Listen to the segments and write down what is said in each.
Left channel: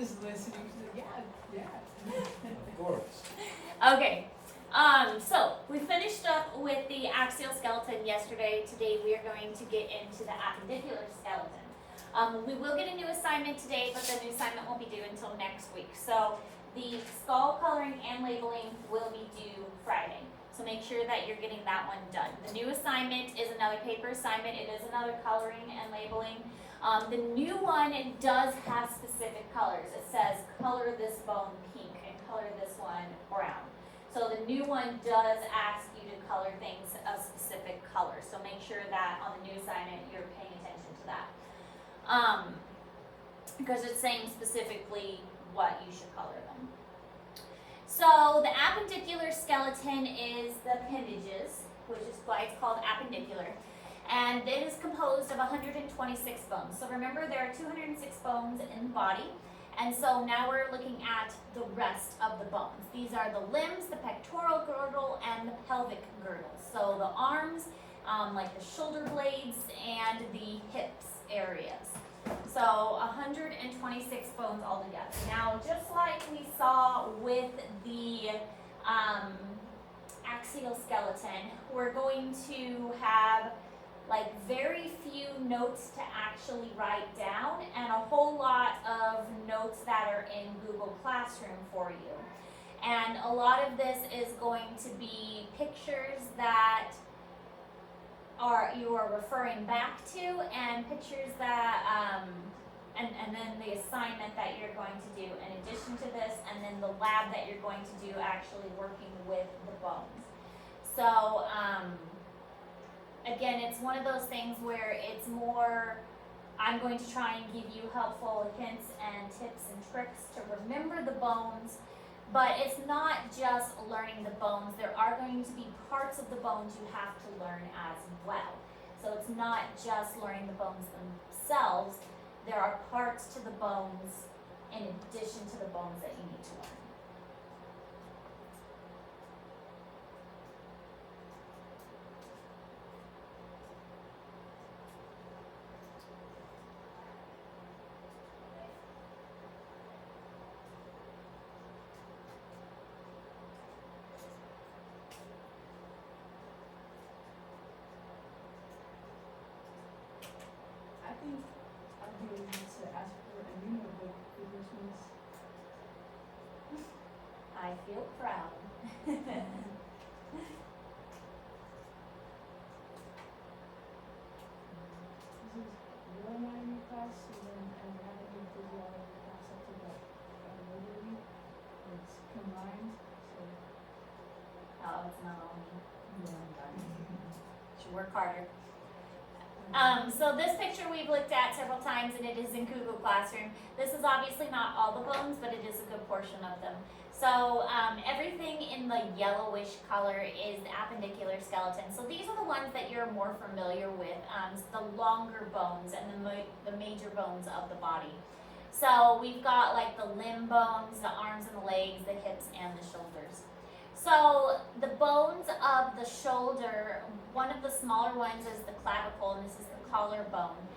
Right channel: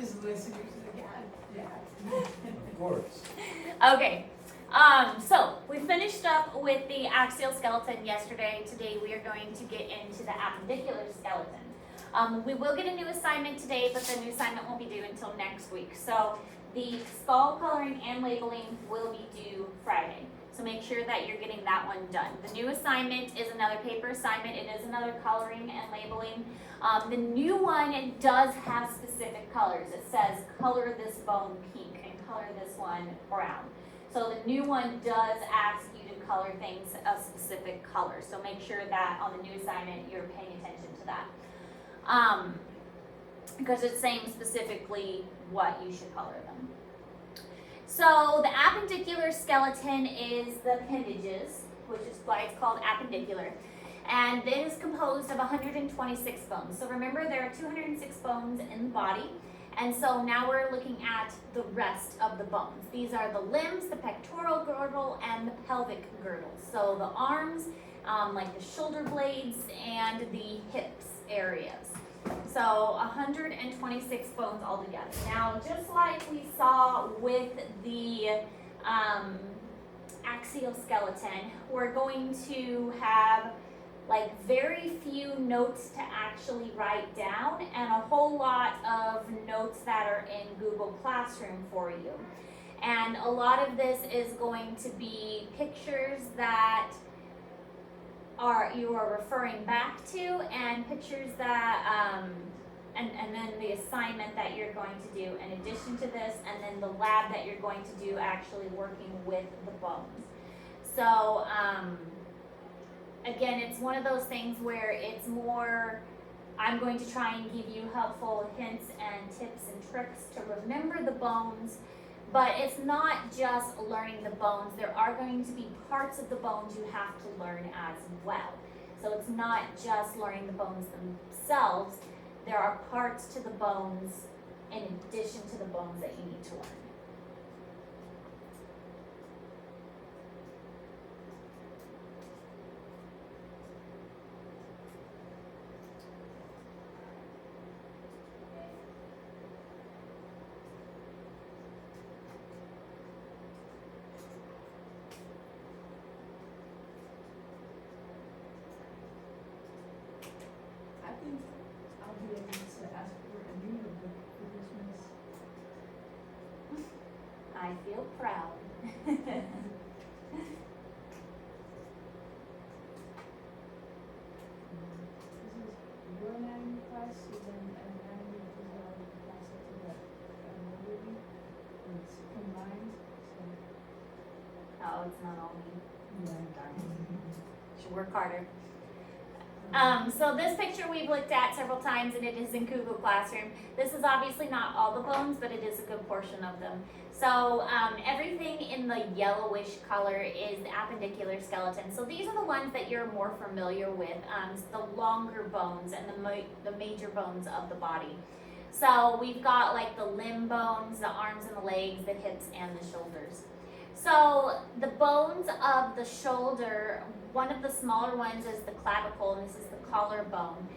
She's listening. She's like, yeah. Of course. Okay. So we finished up with the axial skeleton yesterday. Today we are going to get into the appendicular skeleton. We will get a new assignment today, but the new assignment won't be due until next week. So the skull coloring and labeling will be due Friday. So make sure that you're getting that one done. The new assignment is another paper assignment. It is another coloring and labeling. The new one, it does have specific colors. It says color this bone pink and color this one brown. So the new one does ask you to color things of specific colors. So make sure that on the new assignment you're paying attention to that. Because it's saying specifically what you should color them. So the appendicular skeleton is the appendages, which is why it's called appendicular. And it is composed of 126 bones. So remember, there are 206 bones in the body. And so now we're looking at the rest of the bones. These are the limbs, the pectoral girdle, and the pelvic girdle. So the arms, like the shoulder blades, and the hips areas. So 126 bones altogether. Now, just like we saw with the axial skeleton, we're going to have like very few notes to actually write down and a whole lot of notes that are in Google Classroom for you. And a lot of this is going to be pictures that you are referring back to, and pictures that, and then the assignment that you're going to do in addition to this, and then the lab that you're going to do actually working with the bones. So, again, it's one of those things where it's more, I'm going to try and give you helpful hints and tips and tricks to remember the bones, but it's not just learning the bones. There are going to be parts of the bones you have to learn as well. So it's not just learning the bones themselves. There are parts to the bones in addition to the bones that you need to learn. I think I'll be able to ask for a new book for Christmas. I feel proud. This is your anatomy class, so then anatomy and physiology class after that overview. It's combined, so Oh, it's not all me. yeah. Should work harder. So this picture we've looked at several times, and it is in Google Classroom. This is obviously not all the bones, but it is a good portion of them. So everything in the yellowish color is the appendicular skeleton. So these are the ones that you're more familiar with, the longer bones and the major bones of the body. So we've got like the limb bones, the arms and the legs, the hips and the shoulders. So the bones of the shoulder, one of the smaller ones is the clavicle, and this is the collarbone.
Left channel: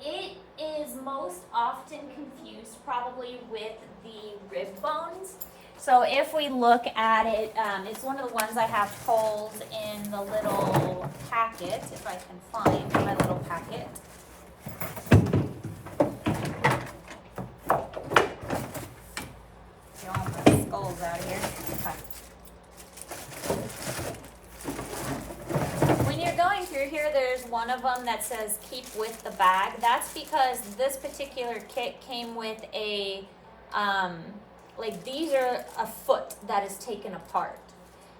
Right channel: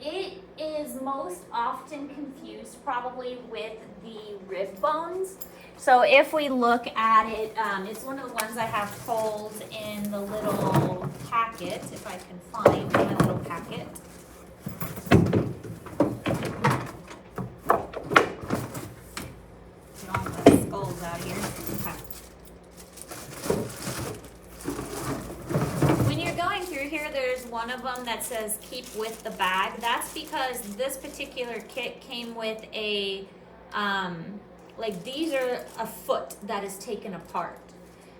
It is most often confused probably with the rib bones. So if we look at it, it's one of the ones I have pulled in the little packet, if I can find my little packet. You don't want my skulls out here. Okay. When you're going through here, there's one of them that says keep with the bag. That's because this particular kit came with a, like these are a foot that is taken apart.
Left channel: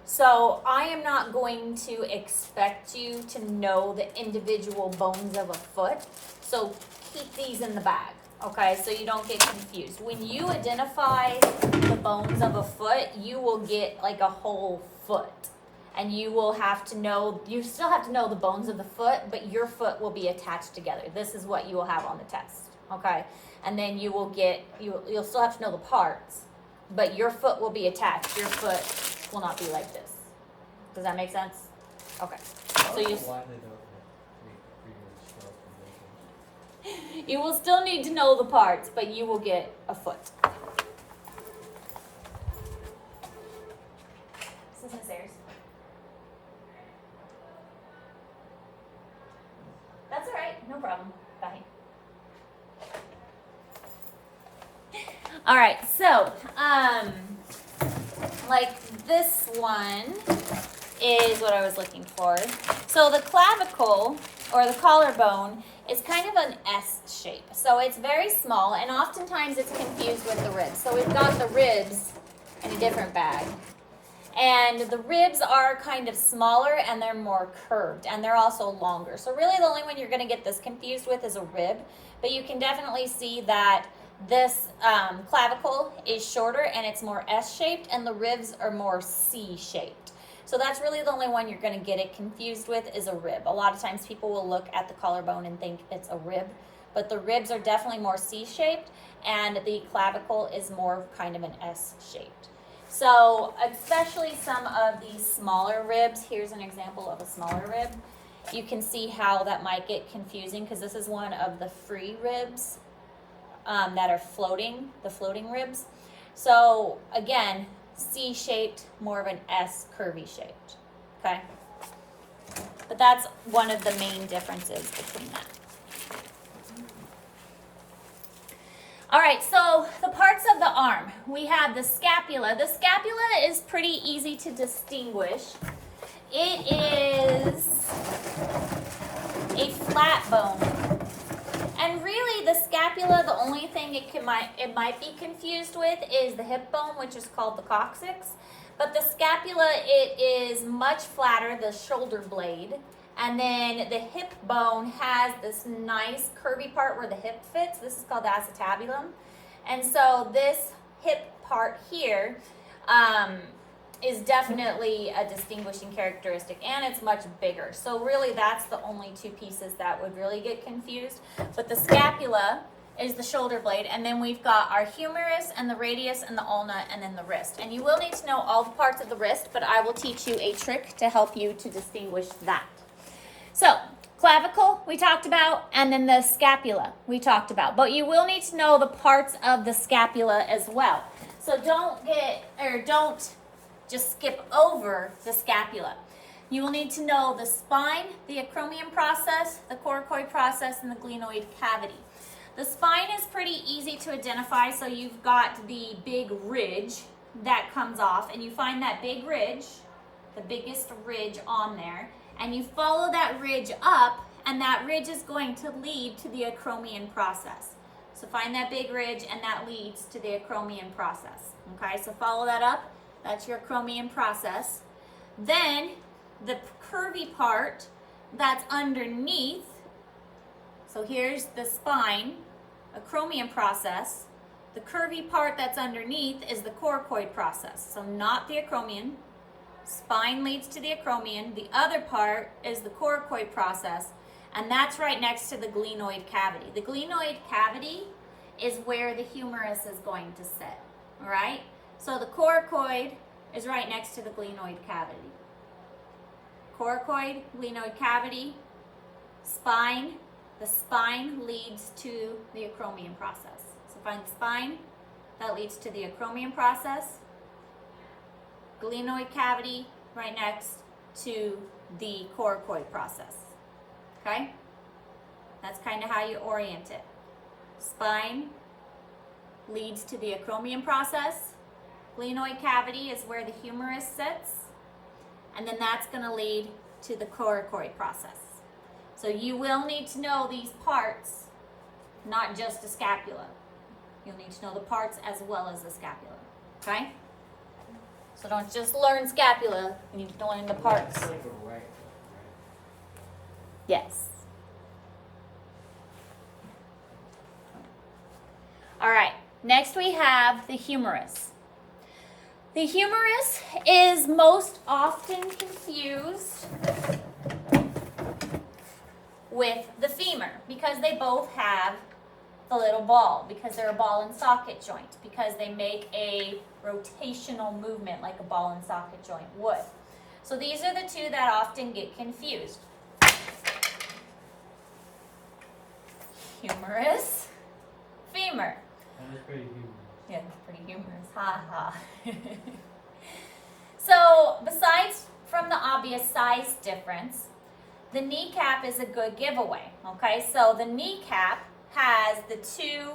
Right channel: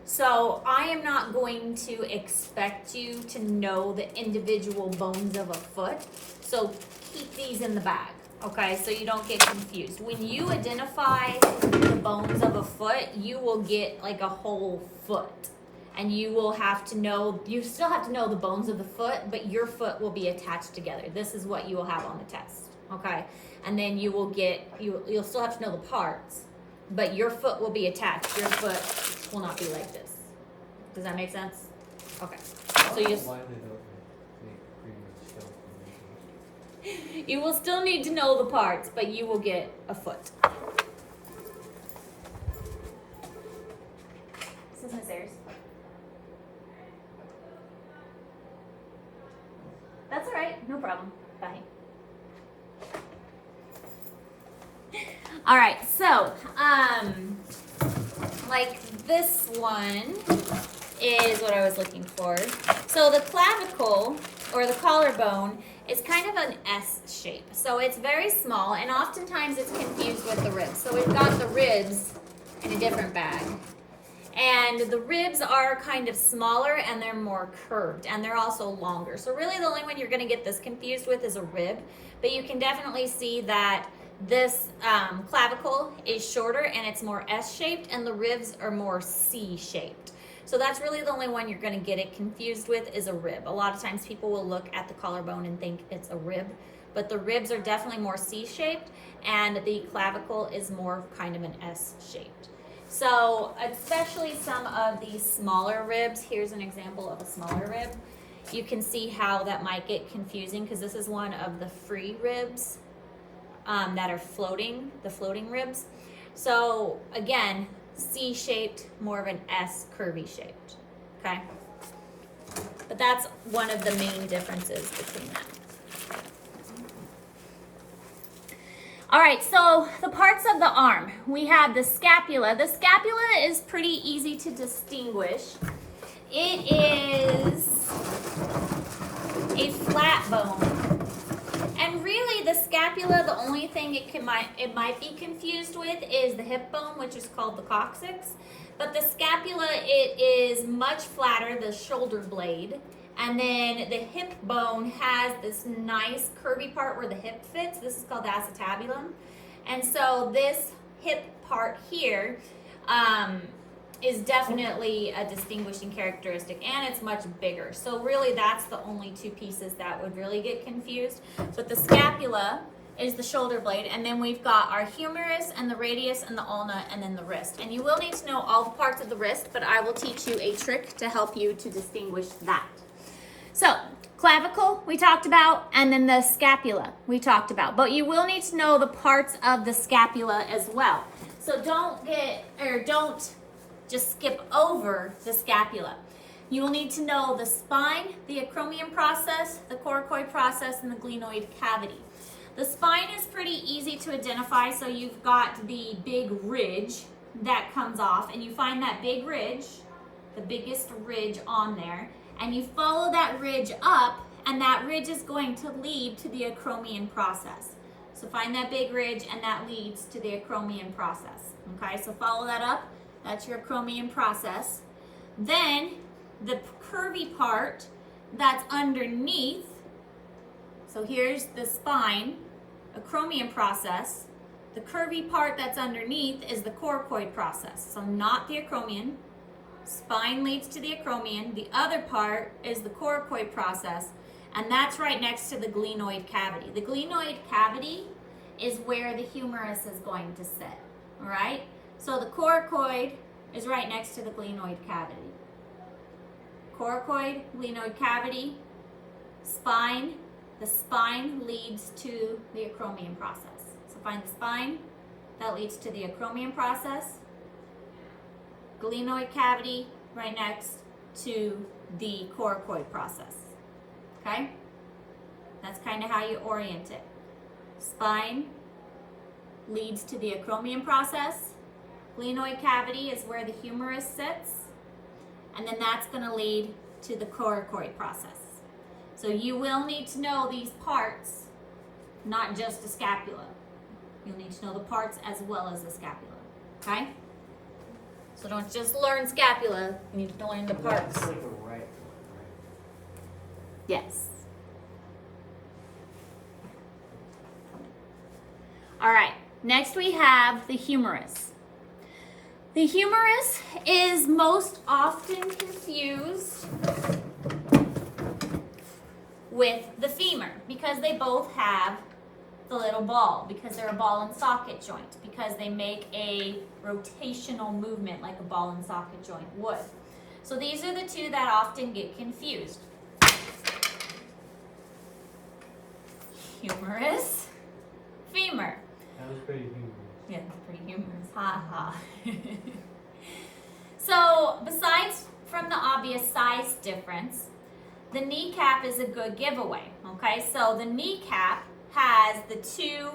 So I am not going to expect you to know the individual bones of a foot. So keep these in the bag, okay? So you don't get confused. When you identify the bones of a foot, you will get like a whole foot. And you will have to know, you still have to know the bones of the foot, but your foot will be attached together. This is what you will have on the test, okay? And then you will get, you'll still have to know the parts, but your foot will be attached. Your foot will not be like this. Does that make sense? Okay. So you. Why they don't make 3D skeleton. You will still need to know the parts, but you will get a foot. This is Miss Ayers. That's all right, no problem. Bye. All right, so, like this one is what I was looking for. So the clavicle, or the collarbone, is kind of an S shape. So it's very small, and oftentimes it's confused with the ribs. So we've got the ribs in a different bag. And the ribs are kind of smaller, and they're more curved, and they're also longer. So really the only one you're gonna get this confused with is a rib, but you can definitely see that this clavicle is shorter and it's more S-shaped, and the ribs are more C-shaped. So that's really the only one you're gonna get it confused with is a rib. A lot of times people will look at the collarbone and think it's a rib, but the ribs are definitely more C-shaped, and the clavicle is more kind of an S-shaped. So especially some of these smaller ribs, here's an example of a smaller rib. You can see how that might get confusing because this is one of the free ribs that are floating, the floating ribs. So again, C-shaped, more of an S curvy shaped, okay? But that's one of the main differences between that. All right, so the parts of the arm. We have the scapula. The scapula is pretty easy to distinguish. It is a flat bone. And really the scapula, the only thing it might be confused with is the hip bone, which is called the coccyx. But the scapula, it is much flatter, the shoulder blade. And then the hip bone has this nice curvy part where the hip fits. This is called the acetabulum. And so this hip part here is definitely a distinguishing characteristic, and it's much bigger. So really that's the only two pieces that would really get confused. But the scapula is the shoulder blade, and then we've got our humerus and the radius and the ulna and then the wrist. And you will need to know all the parts of the wrist, but I will teach you a trick to help you to distinguish that. So clavicle we talked about, and then the scapula we talked about, but you will need to know the parts of the scapula as well. So don't just skip over the scapula. You will need to know the spine, the acromion process, the coracoid process, and the glenoid cavity. The spine is pretty easy to identify, so you've got the big ridge that comes off, and you find that big ridge, the biggest ridge on there, and you follow that ridge up, and that ridge is going to lead to the acromion process. So find that big ridge, and that leads to the acromion process. Okay, so follow that up. That's your acromion process. Then the curvy part that's underneath, so here's the spine, acromion process. The curvy part that's underneath is the coracoid process, so not the acromion. Spine leads to the acromion. The other part is the coracoid process, and that's right next to the glenoid cavity. The glenoid cavity is where the humerus is going to sit, all right? So the coracoid is right next to the glenoid cavity. Coracoid, glenoid cavity, spine. The spine leads to the acromion process. So find the spine, that leads to the acromion process. Glenoid cavity right next to the coracoid process, okay? That's kind of how you orient it. Spine leads to the acromion process. Glenoid cavity is where the humerus sits, and then that's going to lead to the coracoid process. So you will need to know these parts, not just the scapula. You'll need to know the parts as well as the scapula, okay? So don't just learn scapula, you need to learn the parts. Yes. All right, next we have the humerus. The humerus is most often confused with the femur because they both have the little ball, because they're a ball and socket joint, because they make a rotational movement like a ball and socket joint would. So these are the two that often get confused. humerus, femur. That was pretty humorous. Yeah, it's pretty humorous. Ha ha. So, besides from the obvious size difference, the kneecap is a good giveaway. Okay, so the kneecap has the two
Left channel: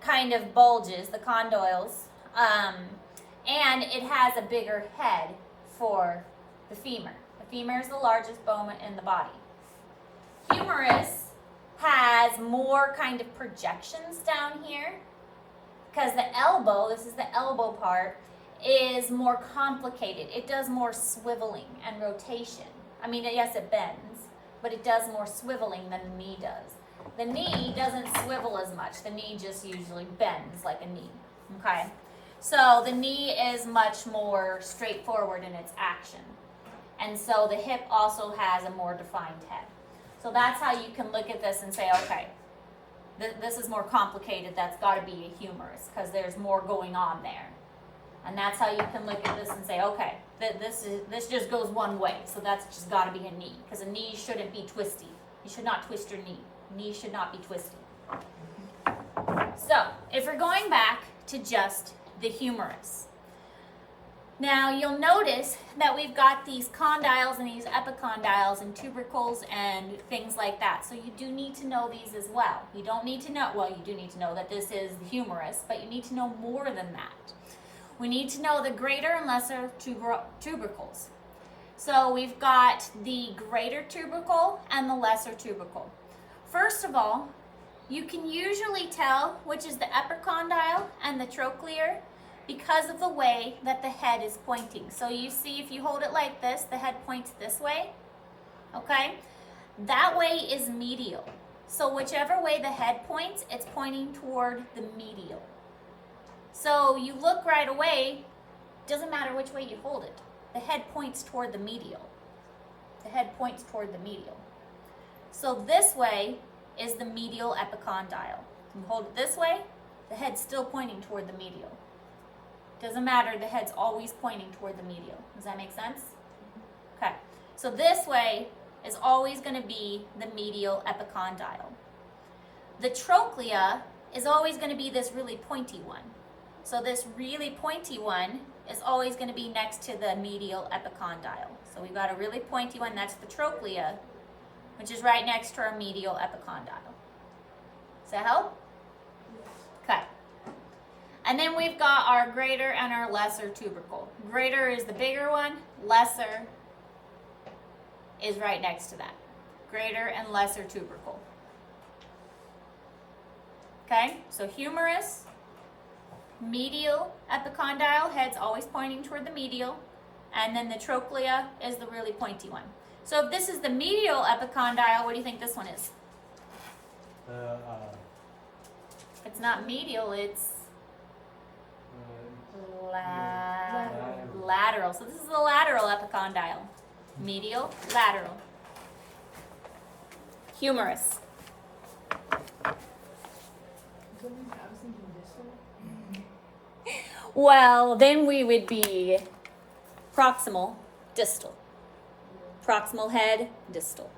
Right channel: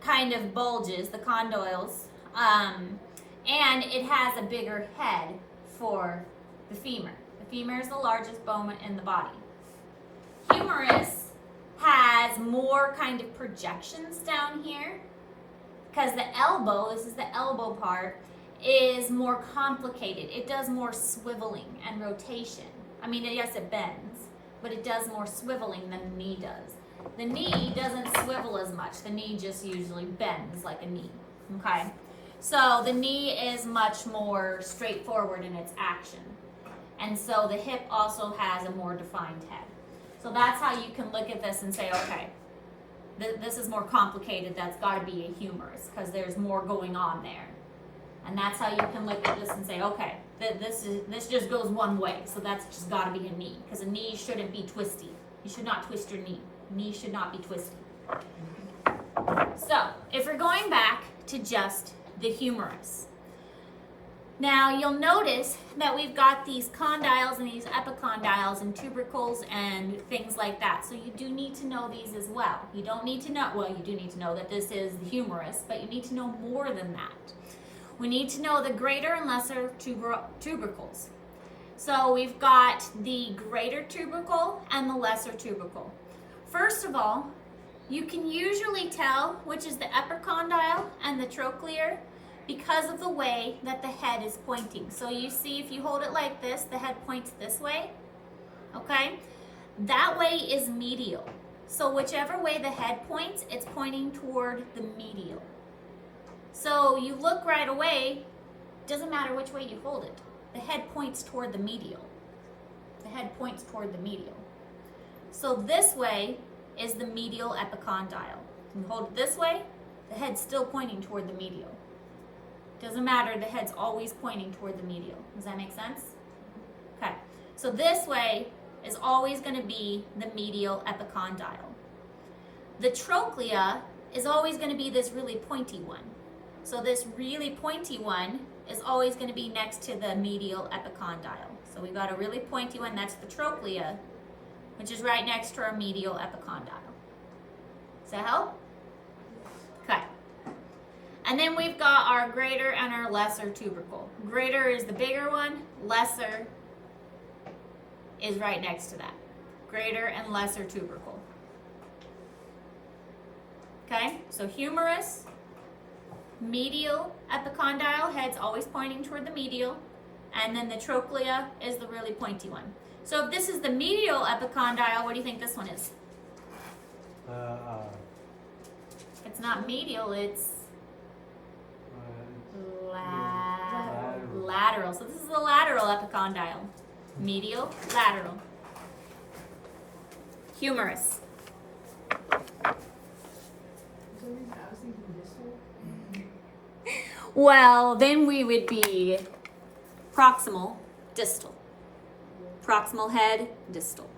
kind of bulges, the condyles, and it has a bigger head for the femur. The femur is the largest bone in the body. Humerus has more kind of projections down here because the elbow, this is the elbow part, is more complicated. It does more swiveling and rotation. I mean, yes, it bends, but it does more swiveling than the knee does. The knee doesn't swivel as much. The knee just usually bends like a knee, okay? So the knee is much more straightforward in its action. And so the hip also has a more defined head. So that's how you can look at this and say, okay, this is more complicated. That's got to be a humerus because there's more going on there. And that's how you can look at this and say, okay, this just goes one way. So that's just got to be a knee because a knee shouldn't be twisty. You should not twist your knee. Knee should not be twisty. So if we're going back to just the humerus. Now you'll notice that we've got these condyles and these epicondyles and tubercles and things like that. So you do need to know these as well. You don't need to know, well, you do need to know that this is the humerus, but you need to know more than that. We need to know the greater and lesser tubercles. So we've got the greater tubercle and the lesser tubercle. First of all, you can usually tell which is the epicondyle and the trochlear because of the way that the head is pointing. So you see, if you hold it like this, the head points this way, okay? That way is medial. So whichever way the head points, it's pointing toward the medial. So you look right away, doesn't matter which way you hold it. The head points toward the medial. The head points toward the medial. So this way is the medial epicondyle. You hold it this way, the head's still pointing toward the medial. Doesn't matter, the head's always pointing toward the medial. Does that make sense? Okay, so this way is always going to be the medial epicondyle. The trochlea is always going to be this really pointy one. So this really pointy one is always going to be next to the medial epicondyle. So we've got a really pointy one next to the trochlea, which is right next to our medial epicondyle. Does that help? Okay. And then we've got our greater and our lesser tubercle. Greater is the bigger one, lesser is right next to that. Greater and lesser tubercle. Okay, so humerus, medial epicondyle, head's always pointing toward the medial, and then the trochlea is the really pointy one. So if this is the medial epicondyle, what do you think this one is? It's not medial, it's lateral. So this is the lateral epicondyle. Medial, lateral. Humerus. Well, then we would be proximal, distal. Proximal head, distal.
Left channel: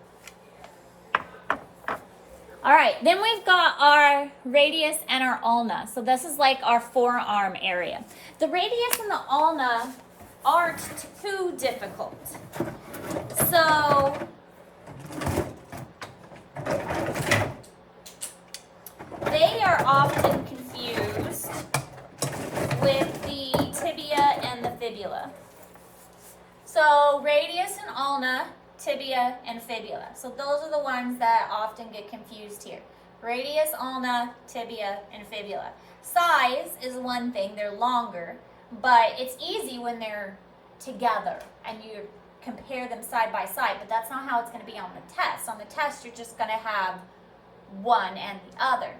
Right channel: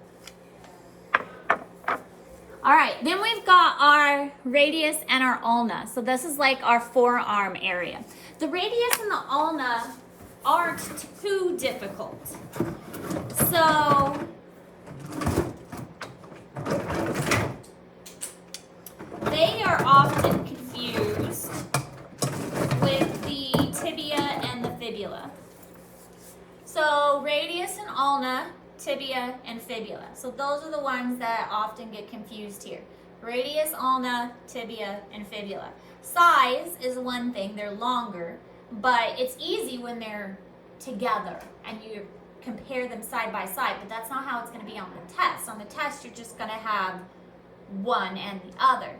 All right, then we've got our radius and our ulna. So this is like our forearm area. The radius and the ulna aren't too difficult. So they are often confused with the tibia and the fibula. So radius and ulna, tibia and fibula. So those are the ones that often get confused here. Radius, ulna, tibia, and fibula. Size is one thing, they're longer, but it's easy when they're together and you compare them side by side, but that's not how it's going to be on the test. On the test, you're just going to have one and the other.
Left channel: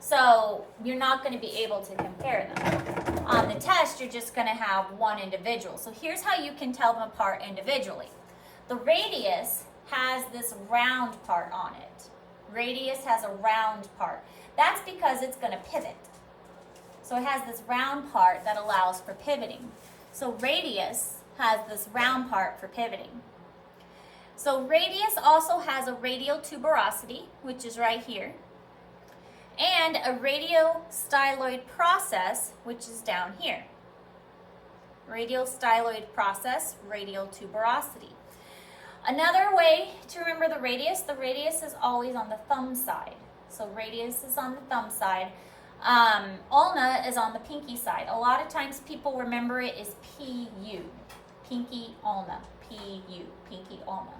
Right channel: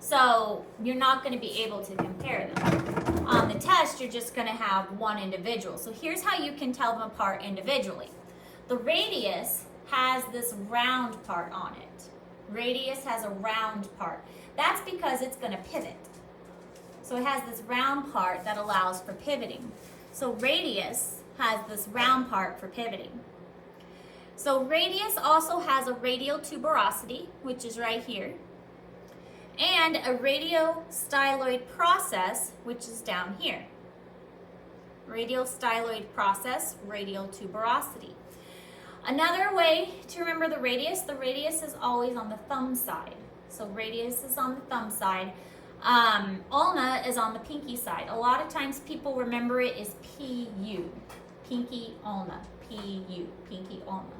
So you're not going to be able to compare them. On the test, you're just going to have one individual. So here's how you can tell them apart individually. The radius has this round part on it. Radius has a round part. That's because it's going to pivot. So it has this round part that allows for pivoting. So radius has this round part for pivoting. So radius also has a radial tuberosity, which is right here. and a radiostyloid process, which is down here. Radial styloid process, radial tuberosity. Another way to remember the radius is always on the thumb side. So radius is on the thumb side. Ulna is on the pinky side. A lot of times people remember it as PU, pinky ulna, PU, pinky ulna.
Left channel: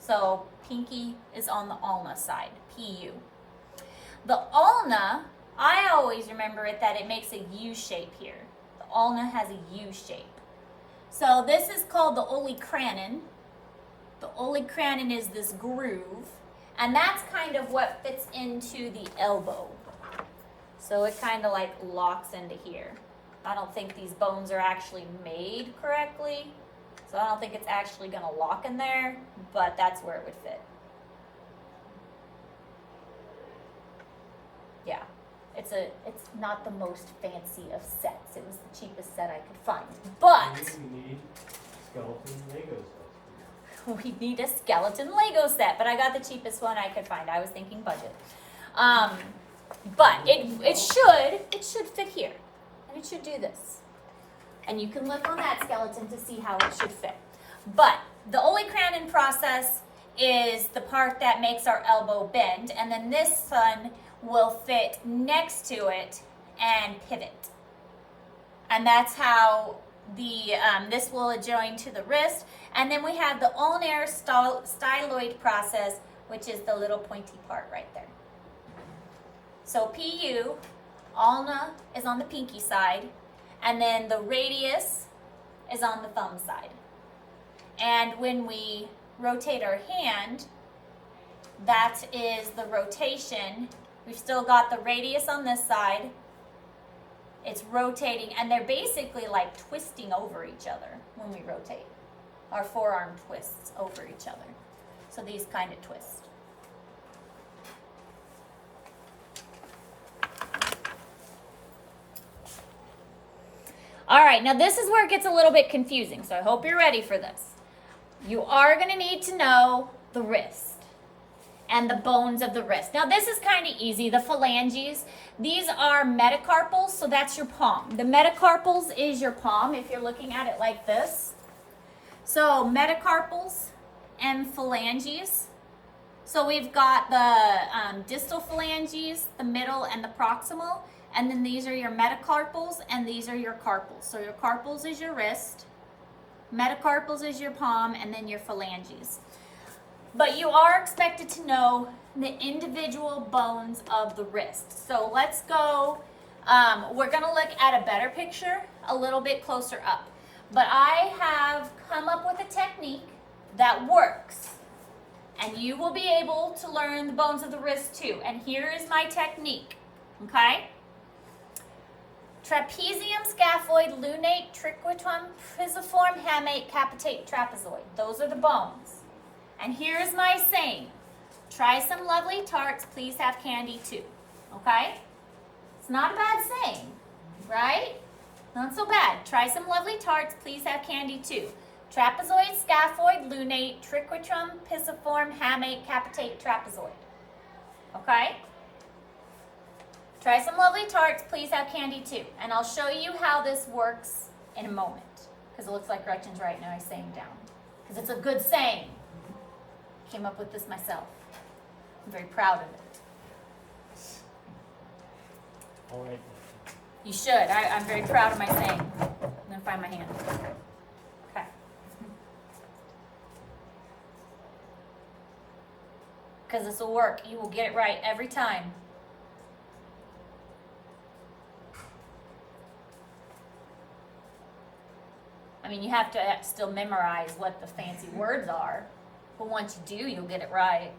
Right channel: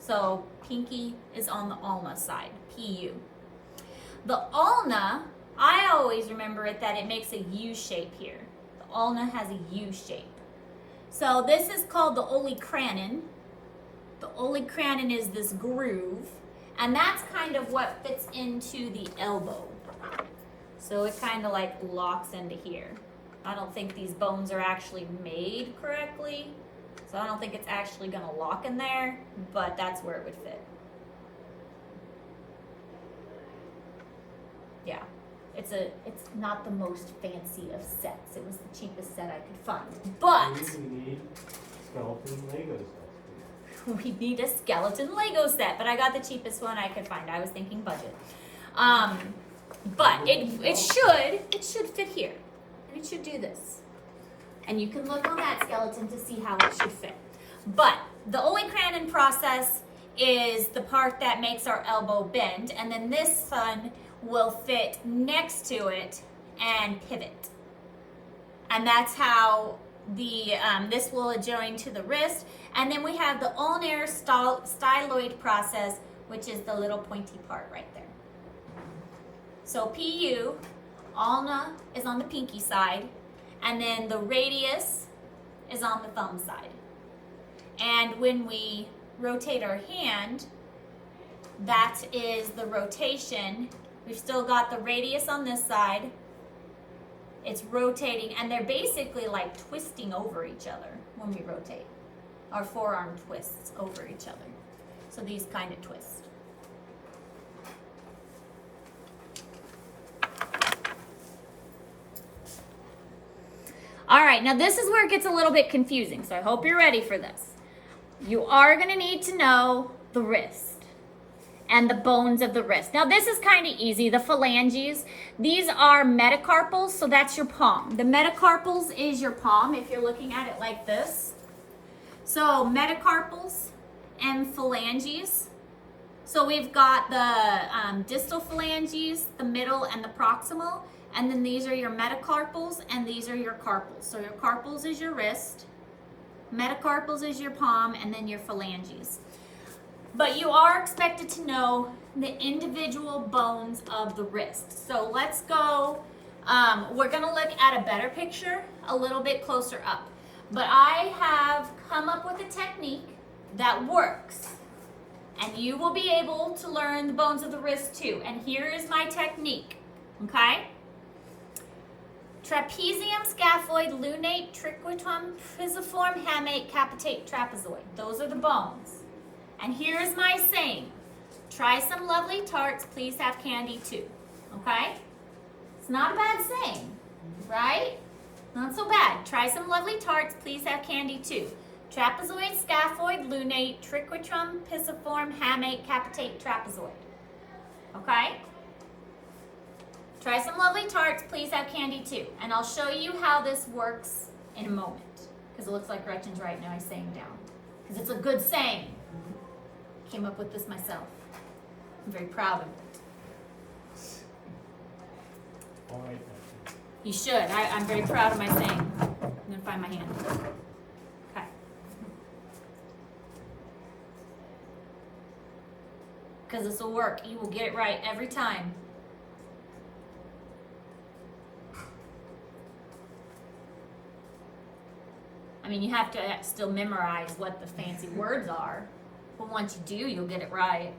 So pinky is on the ulna side, PU. The ulna, I always remember it that it makes a U shape here. The ulna has a U shape. So this is called the olecranon. The olecranon is this groove, and that's kind of what fits into the elbow. So it kind of like locks into here. I don't think these bones are actually made correctly, so I don't think it's actually gonna lock in there, but that's where it would fit. Yeah, it's not the most fancy of sets. It was the cheapest set I could find, but we need skeleton Lego sets. we need a skeleton Lego set, but I got the cheapest one I could find. I was thinking budget. But it should fit here, and it should do this. And you can look on that skeleton to see how it should fit. But the olecranon process is the part that makes our elbow bend, and then this one will fit next to it and pivot. And that's how the this will adjoin to the wrist. And then we have the ulnar styloid process, which is the little pointy part right there. So PU, ulna is on the pinky side, and then the radius is on the thumb side. And when we rotate our hand, that is the rotation. We've still got the radius on this side. It's rotating, and they're basically like twisting over each other when we rotate. Our forearm twists over each other. So these kind of twist. All right, now this is where it gets a little bit confusing, so I hope you're ready for this. You are gonna need to know the wrist and the bones of the wrist. Now this is kind of easy, the phalanges. These are metacarpals, so that's your palm. The metacarpals is your palm if you're looking at it like this. So metacarpals and phalanges. So we've got the distal phalanges, the middle, and the proximal. And then these are your metacarpals, and these are your carpals. So your carpals is your wrist, metacarpals is your palm, and then your phalanges. But you are expected to know the individual bones of the wrist. So let's go, we're gonna look at a better picture a little bit closer up. But I have come up with a technique that works. And you will be able to learn the bones of the wrist too. And here is my technique, okay? Trapezium, scaphoid, lunate, triquetrum, pisiform, hamate, capitate, trapezoid. Those are the bones. And here's my saying. Try some lovely tarts, please have candy too. Okay? It's not a bad saying, right? Not so bad. Try some lovely tarts, please have candy too. Trapezoid, scaphoid, lunate, triquetrum, pisiform, hamate, capitate, trapezoid. Okay? Try some lovely tarts, please have candy too. And I'll show you how this works in a moment. Because it looks like Gretchen's writing my saying down. Because it's a good saying. Came up with this myself. I'm very proud of it. You should. I'm very proud of my saying. I'm going to find my hand. Okay. Because this will work. You will get it right every time. I mean, you have to still memorize what the fancy words are. But once you do, you'll get it right.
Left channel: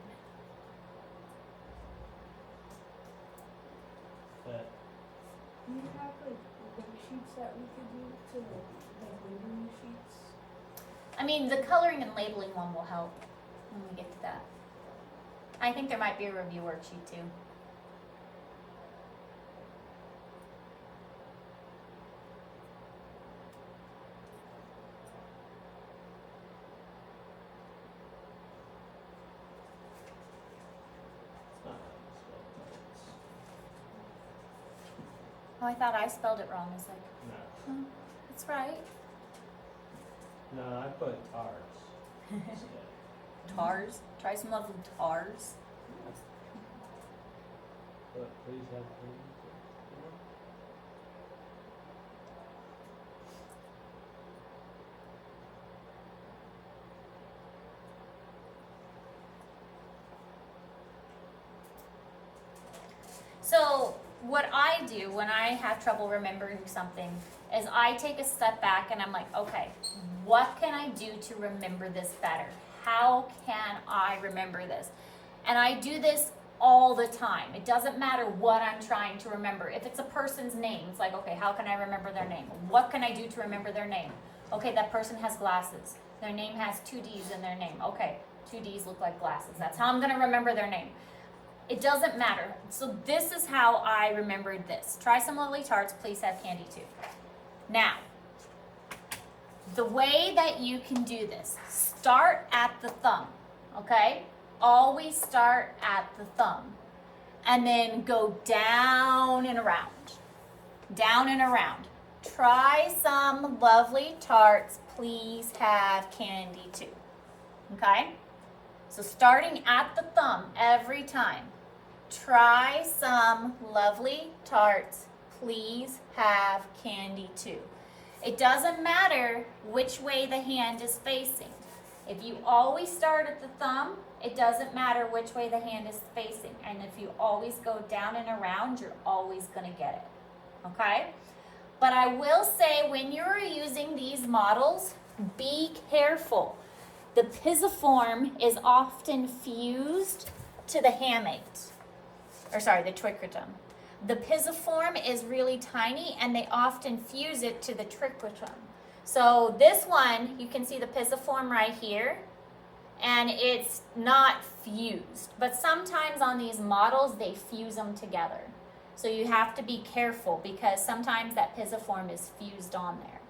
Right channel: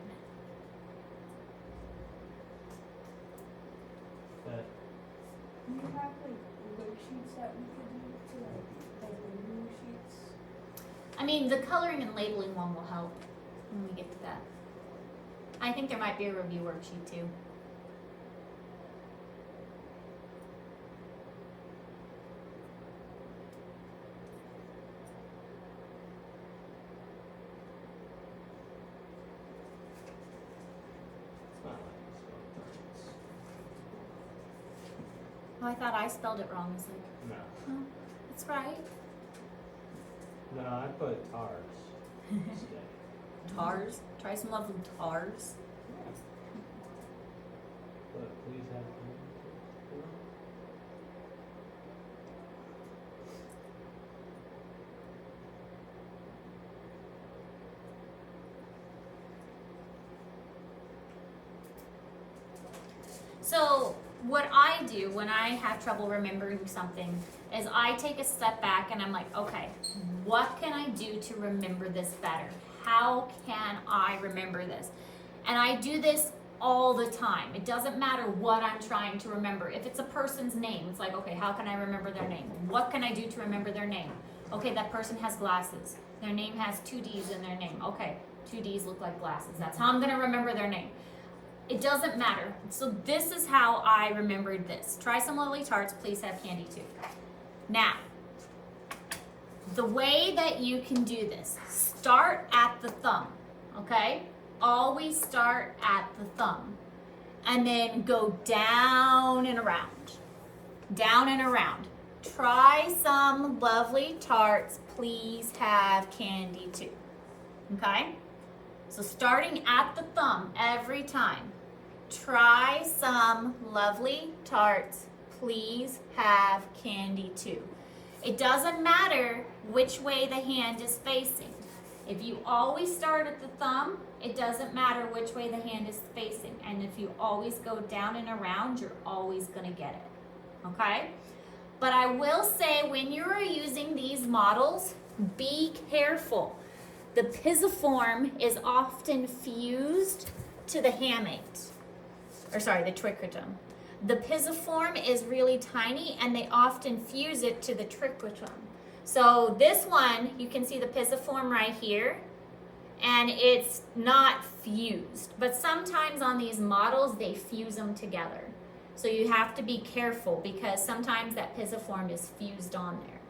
Do you have like worksheets that we could do to like balloon sheets? I mean, the coloring and labeling one will help when we get to that. I think there might be a review worksheet too. Oh, I thought I spelled it wrong. It's like, No. it's right. No, I put tars instead. Tars. Try some lovely tars. But please have So what I do when I have trouble remembering something is I take a step back and I'm like, okay, what can I do to remember this better? How can I remember this? And I do this all the time. It doesn't matter what I'm trying to remember. If it's a person's name, it's like, okay, how can I remember their name? What can I do to remember their name? Okay, that person has glasses. Their name has 2 D's in their name. Okay, 2 D's look like glasses. That's how I'm gonna remember their name. It doesn't matter. So this is how I remembered this. Try some lovely tarts, please have candy too. Now, the way that you can do this, start at the thumb, okay? Always start at the thumb. And then go down and around. Down and around. Try some lovely tarts, please have candy too. Okay? So starting at the thumb every time. Try some lovely tarts, please have candy too. It doesn't matter which way the hand is facing. If you always start at the thumb, it doesn't matter which way the hand is facing. And if you always go down and around, you're always gonna get it, okay? But I will say when you're using these models, be careful. The pisiform is often fused to the hamate, or sorry, the triquetrum. The pisiform is really tiny and they often fuse it to the triquetrum. So this one, you can see the pisiform right here and it's not fused, but sometimes on these models, they fuse them together. So you have to be careful because sometimes that pisiform is fused on there.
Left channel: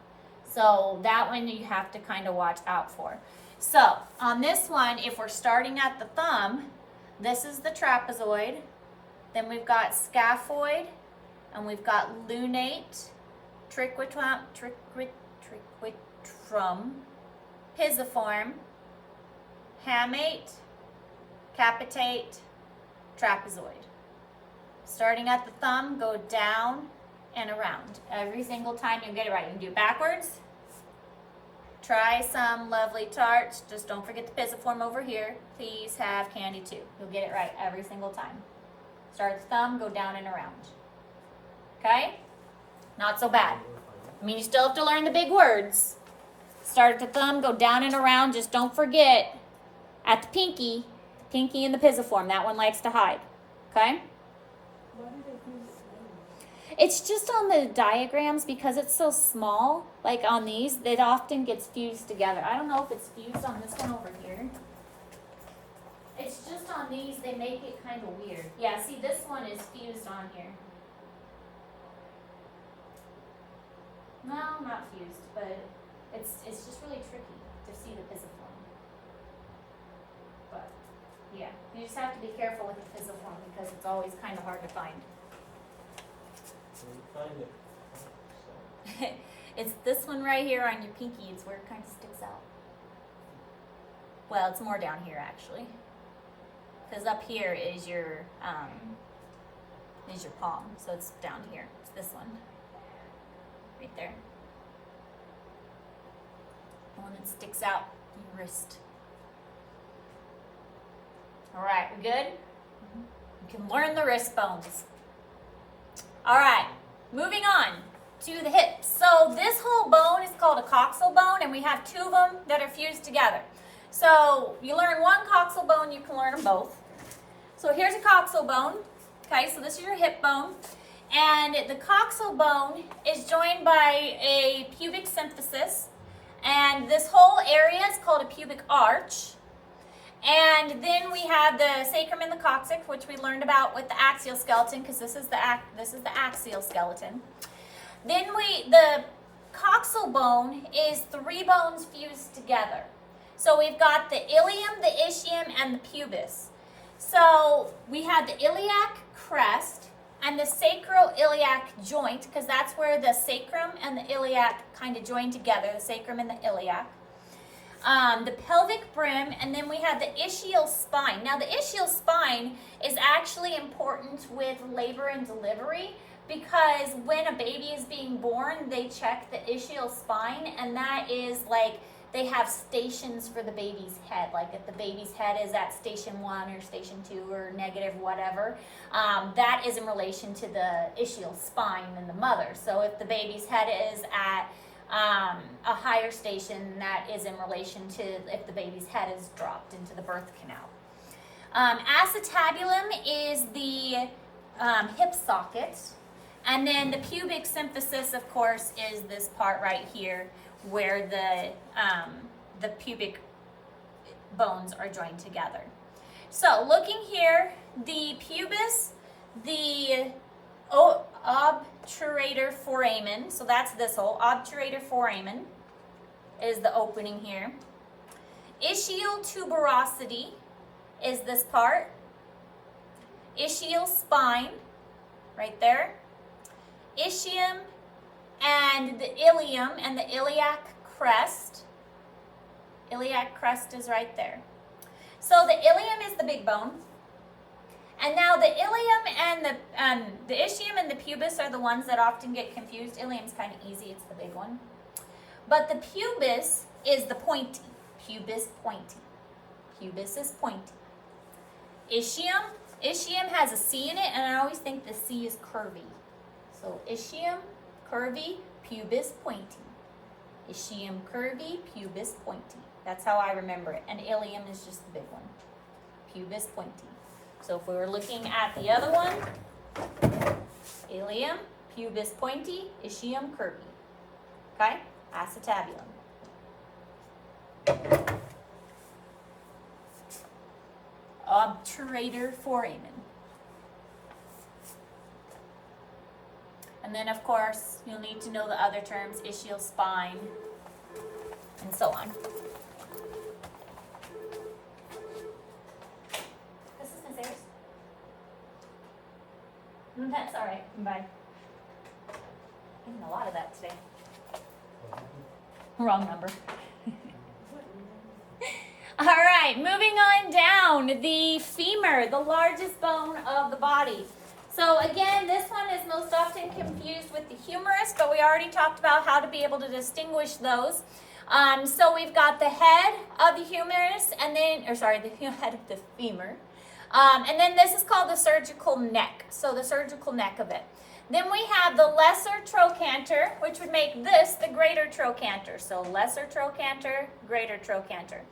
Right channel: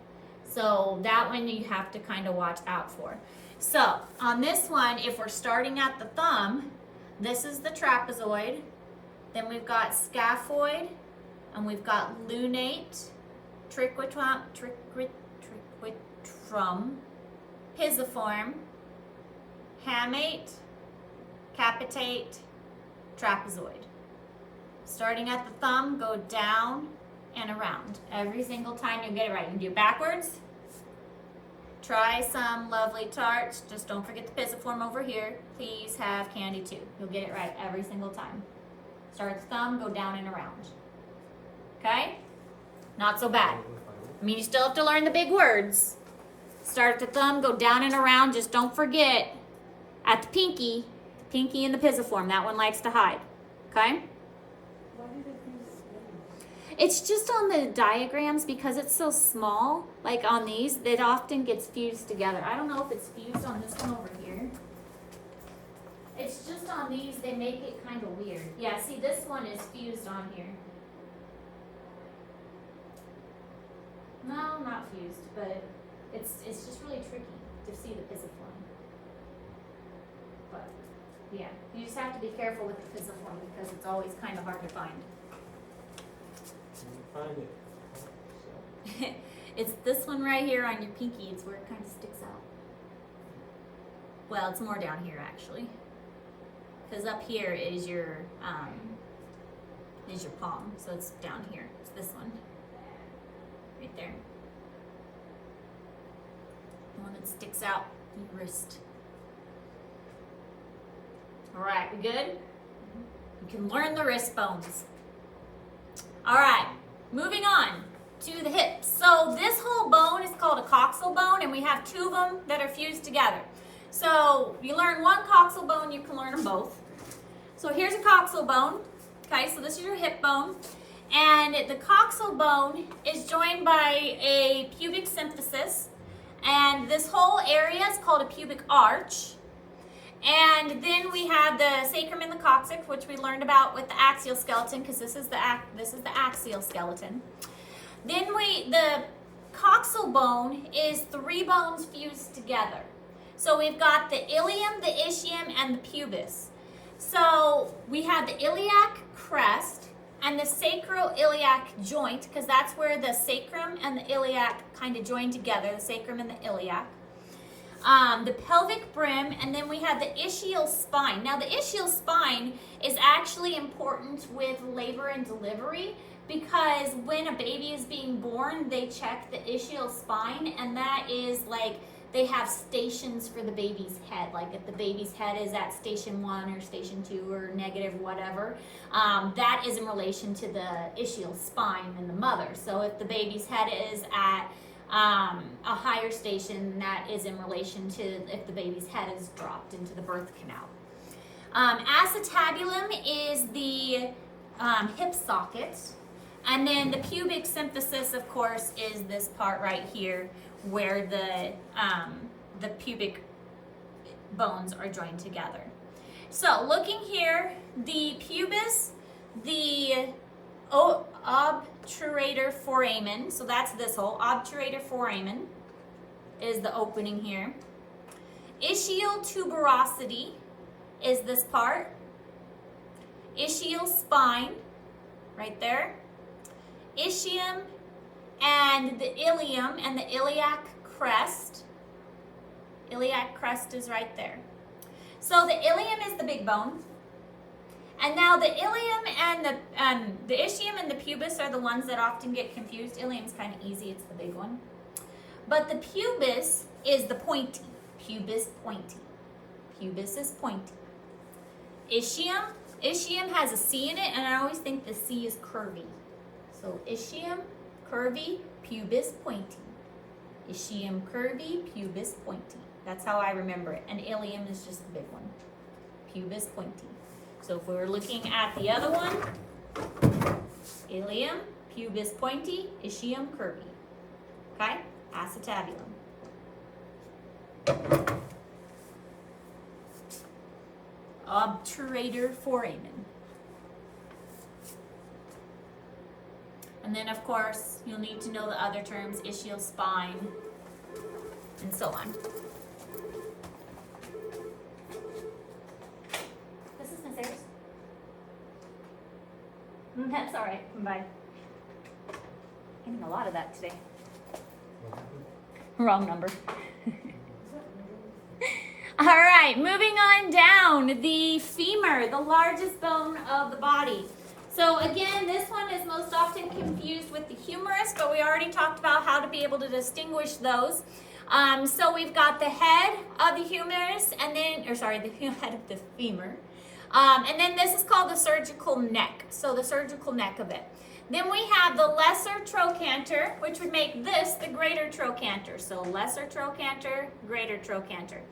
So that one you have to kind of watch out for. So on this one, if we're starting at the thumb, this is the trapezoid. Then we've got scaphoid, and we've got lunate, triquetrum, pisiform, hamate, capitate, trapezoid. Starting at the thumb, go down and around. Every single time you'll get it right. You can do it backwards. Try some lovely tarts. Just don't forget the pisiform over here. Please have candy too. You'll get it right every single time. Start at the thumb, go down and around. Okay? Not so bad. I mean, you still have to learn the big words. Start at the thumb, go down and around. Just don't forget at the pinky and the pisiform. That one likes to hide. Okay? Why did it fuse together? It's just on the diagrams because it's so small. Like on these, it often gets fused together. I don't know if it's fused on this one over here. It's just on these, they make it kind of weird. Yeah, see, this one is fused on here. No, not fused, but it's just really tricky to see the pisiform. But, yeah, you just have to be careful with the pisiform because it's always kind of hard to find. Find it. So, It's this one right here on your pinky. It's where it kind of sticks out. Well, it's more down here actually. Because up here is your palm. So it's down here. It's this one. Right there. The one that sticks out in your wrist. Alright, we good? You can learn the wrist bones. Alright, moving on to the hips. So this whole bone is called a coxal bone, and we have 2 of them that are fused together. So you learn one coxal bone, you can learn them both. So here's a coxal bone. Okay, so this is your hip bone. And the coxal bone is joined by a pubic symphysis. And this whole area is called a pubic arch. And then we have the sacrum and the coccyx, which we learned about with the axial skeleton, because this is the axial skeleton. Then the coxal bone is 3 bones fused together. So we've got the ilium, the ischium, and the pubis. So we have the iliac crest, and the sacroiliac joint, because that's where the sacrum and the iliac kind of join together, the sacrum and the iliac. The pelvic brim, and then we have the ischial spine. Now the ischial spine is actually important with labor and delivery, because when a baby is being born, they check the ischial spine, and that is like, they have stations for the baby's head. Like if the baby's head is at station 1 or station 2 or negative whatever, that is in relation to the ischial spine in the mother. So if the baby's head is at a higher station, that is in relation to if the baby's head is dropped into the birth canal. Acetabulum is the hip socket, and then the pubic symphysis, of course, is this part right here where the pubic bones are joined together. So looking here, the pubis, the obturator foramen, so that's this hole, obturator foramen is the opening here. Ischial tuberosity is this part. Ischial spine, right there. Ischium and the ilium and the iliac crest. Iliac crest is right there. So the ilium is the big bone. And now the ilium and the ischium and the pubis are the ones that often get confused. Ilium's kind of easy, it's the big one. But the pubis is the pointy. Pubis pointy. Pubis is pointy. Ischium has a C in it, and I always think the C is curvy. So ischium, curvy, pubis pointy. Ischium curvy, pubis pointy. That's how I remember it. And ilium is just the big one. Pubis pointy. So if we were looking at the other one, ilium, pubis pointy, ischium curvy. Okay? Acetabulum. Obturator foramen. And then, of course, you'll need to know the other terms, ischial spine, and so on. This is Miss Ayers. That's all right. Bye. Getting a lot of that today. Wrong number. All right, moving on down, the femur, the largest bone of the body. So again, this one is most often confused with the humerus, but we already talked about how to be able to distinguish those. So we've got the head of the humerus, and then, the head of the femur. And then this is called the surgical neck, so the surgical neck of it. Then we have the lesser trochanter, which would make this the greater trochanter. So lesser trochanter, greater trochanter.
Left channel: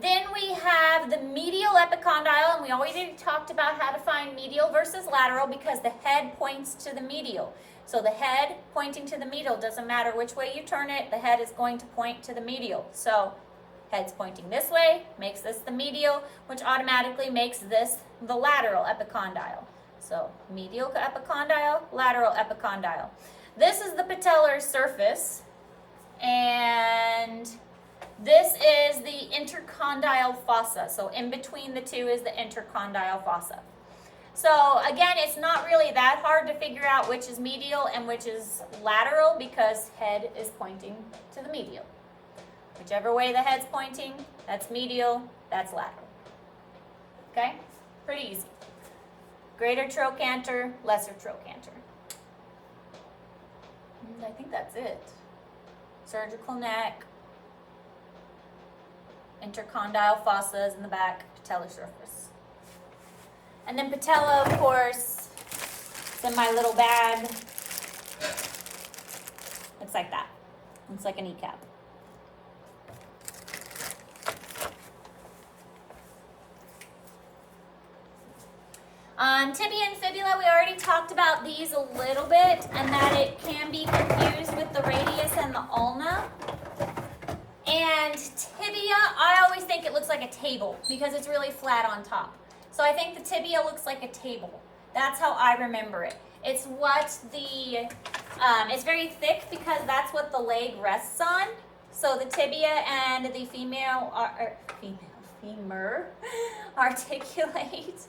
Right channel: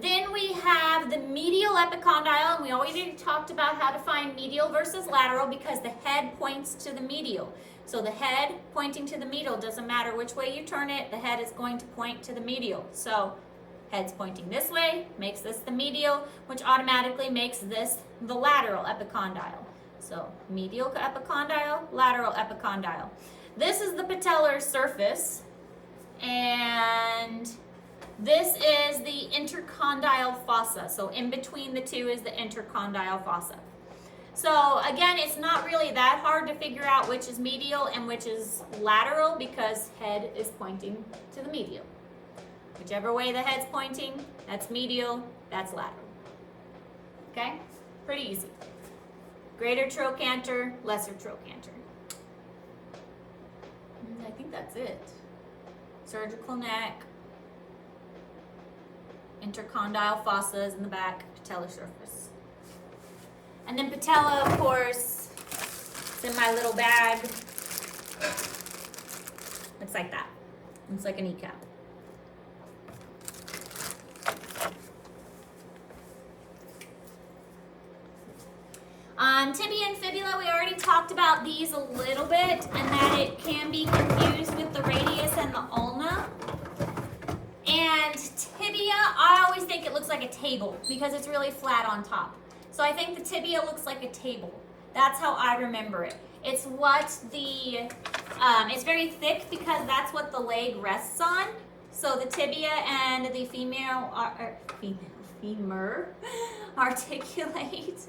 Then we have the medial epicondyle, and we already talked about how to find medial versus lateral because the head points to the medial. So the head pointing to the medial, doesn't matter which way you turn it, the head is going to point to the medial. So head's pointing this way, makes this the medial, which automatically makes this the lateral epicondyle. So medial epicondyle, lateral epicondyle. This is the patellar surface, and this is the intercondyle fossa. So in between the two is the intercondyle fossa. So again, it's not really that hard to figure out which is medial and which is lateral because head is pointing to the medial. Whichever way the head's pointing, that's medial, that's lateral. Okay? Pretty easy. Greater trochanter, lesser trochanter. And I think that's it. Surgical neck, intercondyle fossas in the back, patellar surface. And then patella, of course, it's in my little bag. Looks like that. Looks like a kneecap. Tibia and fibula, we already talked about these a little bit, and that it can be confused with the radius and the ulna. And tibia, I always think it looks like a table because it's really flat on top. So I think the tibia looks like a table. That's how I remember it. It's what the, it's very thick because that's what the leg rests on. So the tibia and the femur articulate.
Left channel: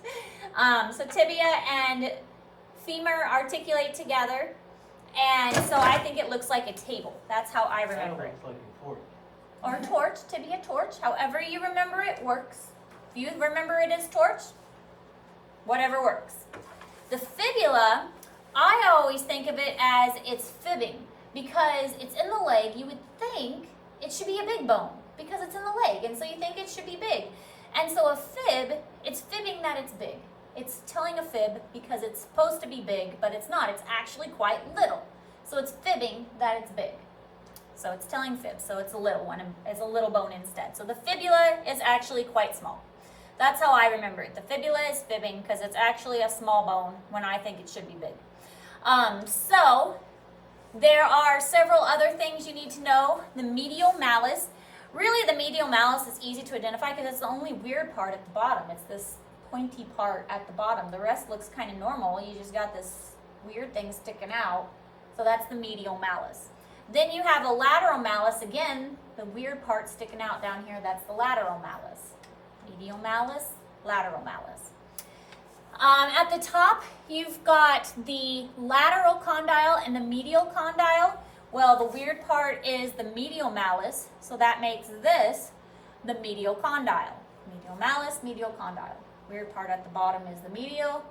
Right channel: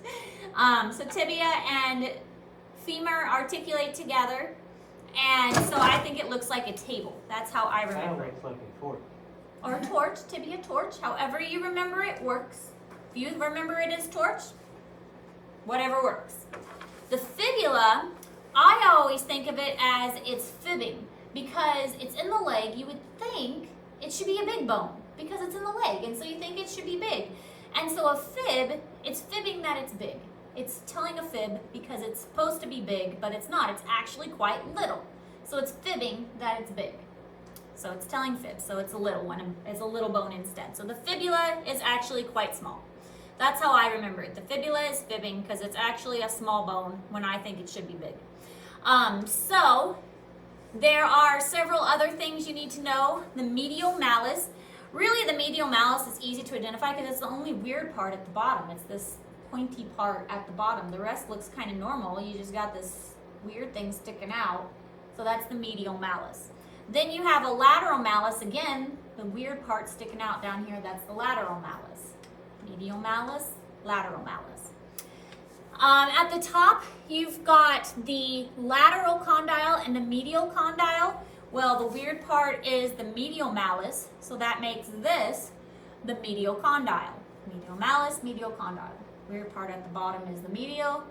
So tibia and femur articulate together. And so I think it looks like a table. That's how I That remember it. looks like a torch. Or a torch, tibia torch. However you remember it works. If you remember it as torch, whatever works. The fibula, I always think of it as it's fibbing because it's in the leg. You would think it should be a big bone because it's in the leg, and so you think it should be big. And so a fib, it's fibbing that it's big. It's telling a fib because it's supposed to be big, but it's not. It's actually quite little. So it's fibbing that it's big. So it's telling fib, so it's a little one, it's a little bone instead. So the fibula is actually quite small. That's how I remember it. The fibula is fibbing because it's actually a small bone when I think it should be big. So there are several other things you need to know. The medial malleus. Really, the medial malleus is easy to identify because it's the only weird part at the bottom. It's this pointy part at the bottom. The rest looks kind of normal. You just got this weird thing sticking out. So that's the medial malleus. Then you have a lateral malleus. Again, the weird part sticking out down here, that's the lateral malleus. Medial malleus, lateral malleus. At the top, you've got the lateral condyle and the medial condyle. Well, the weird part is the medial malleus, so that makes this the medial condyle. Medial malleus, medial condyle. Weird part at the bottom is the medial.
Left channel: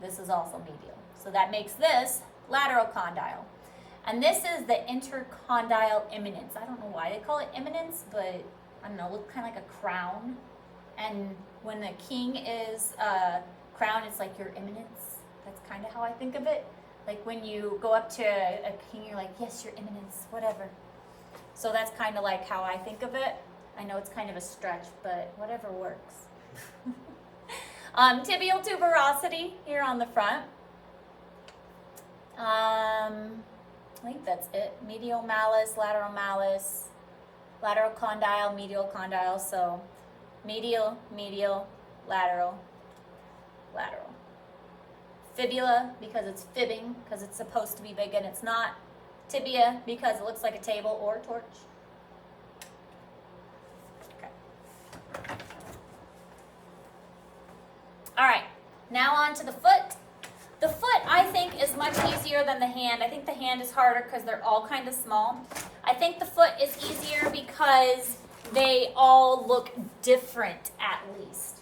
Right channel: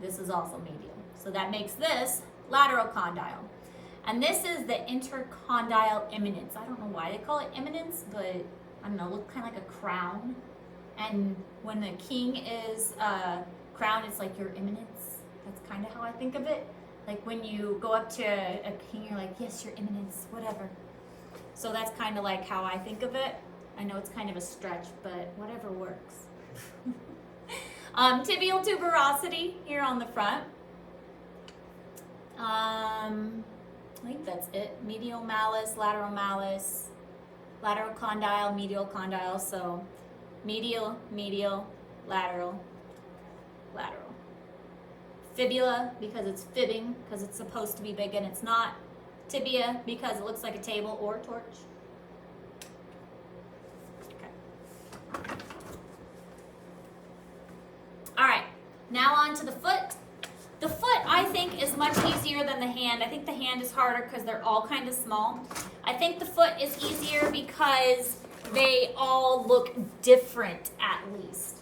This is also medial. So that makes this lateral condyle. And this is the intercondyle eminence. I don't know why they call it eminence, but I don't know, look kind of like a crown. And when the king is crowned, it's like your eminence. That's kind of how I think of it. Like when you go up to a king, you're like, yes, your eminence, whatever. So that's kind of like how I think of it. I know it's kind of a stretch, but whatever works. Tibial tuberosity here on the front. I think that's it. Medial malleus, lateral condyle, medial condyle. So medial, lateral. Fibula, because it's fibbing, because it's supposed to be big and it's not. Tibia, because it looks like a table or a torch. Okay. All right, now on to the foot. The foot, I think, is much easier than the hand. I think the hand is harder because they're all kind of small. I think the foot is easier because they all look different, at least.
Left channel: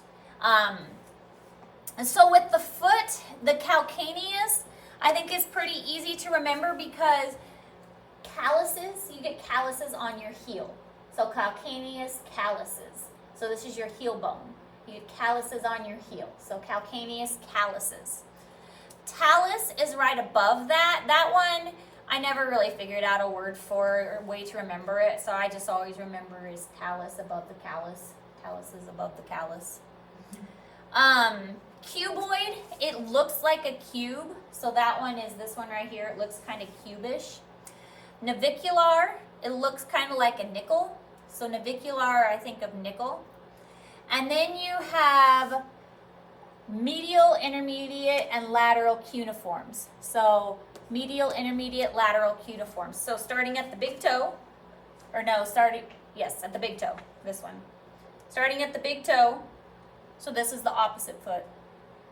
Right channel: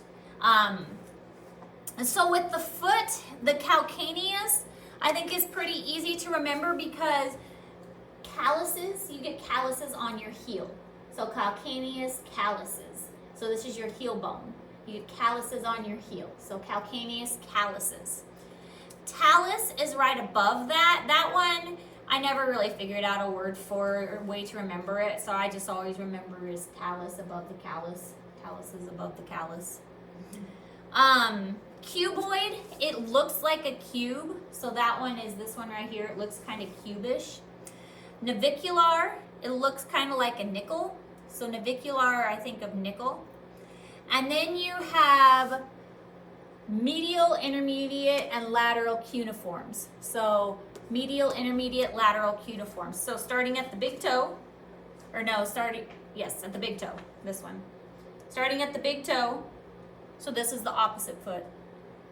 And so with the foot, the calcaneus, I think is pretty easy to remember because calluses, you get calluses on your heel. So calcaneus, calluses. So this is your heel bone. You get calluses on your heel. So calcaneus, calluses. Talus is right above that. That one, I never really figured out a word for or a way to remember it. So I just always remember is talus above the callus. Talus is above the callus. Cuboid, it looks like a cube. So that one is this one right here. It looks kind of cubish. Navicular, it looks kind of like a nickel. So navicular, I think of nickel. And then you have medial, intermediate, and lateral cuneiforms. So medial, intermediate, lateral cuneiforms. So starting at the big toe, at the big toe, this one. Starting at the big toe, so this is the opposite foot.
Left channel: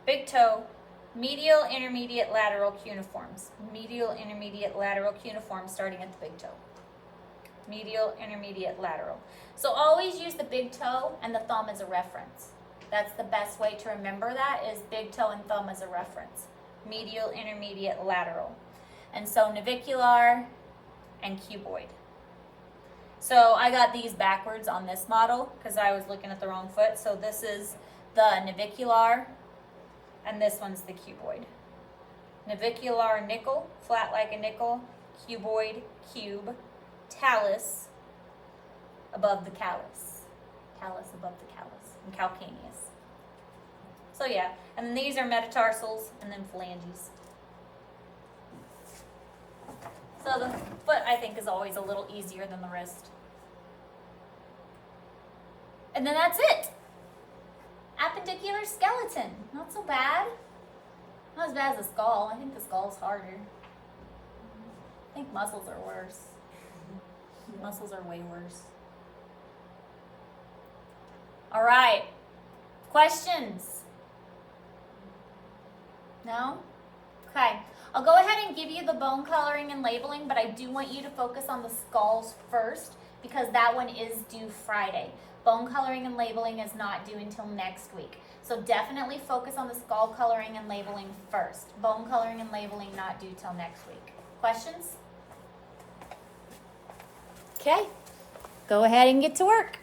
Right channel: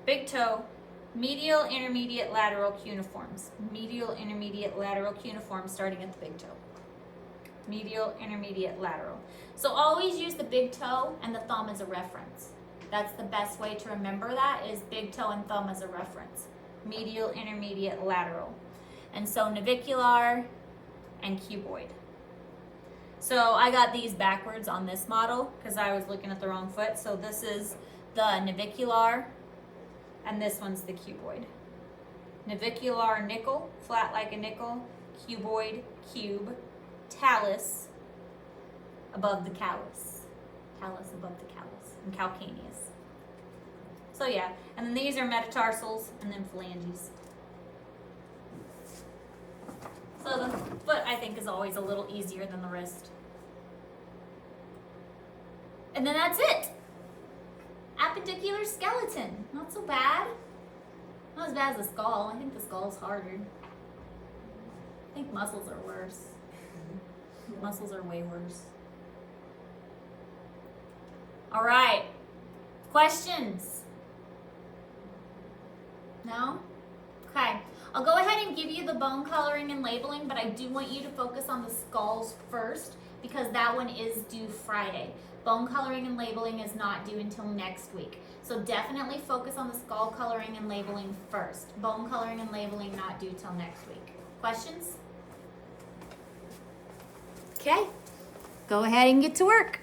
Big toe, medial, intermediate, lateral cuneiforms. Medial, intermediate, lateral cuneiforms starting at the big toe. Medial, intermediate, lateral. So always use the big toe and the thumb as a reference. That's the best way to remember that is big toe and thumb as a reference. Medial, intermediate, lateral. And so navicular and cuboid. So I got these backwards on this model because I was looking at the wrong foot. So this is the navicular and this one's the cuboid. Navicular, nickel, flat like a nickel. Cuboid, cube. Talus, above the callus. Talus above the callus. And calcaneus. So yeah, and then these are metatarsals and then phalanges. So the foot, I think, is always a little easier than the wrist. And then that's it. Appendicular skeleton. Not so bad. Not as bad as the skull. I think the skull's harder. I think muscles are worse. Muscles are way worse. All right. Questions? No? Okay, I'll go ahead and give you the bone coloring and labeling, but I do want you to focus on the skulls first because that one is due Friday. Bone coloring and labeling is not due until next week. So definitely focus on the skull coloring and labeling first. Bone coloring and labeling not due till next week. Questions? Okay, go ahead and get to work.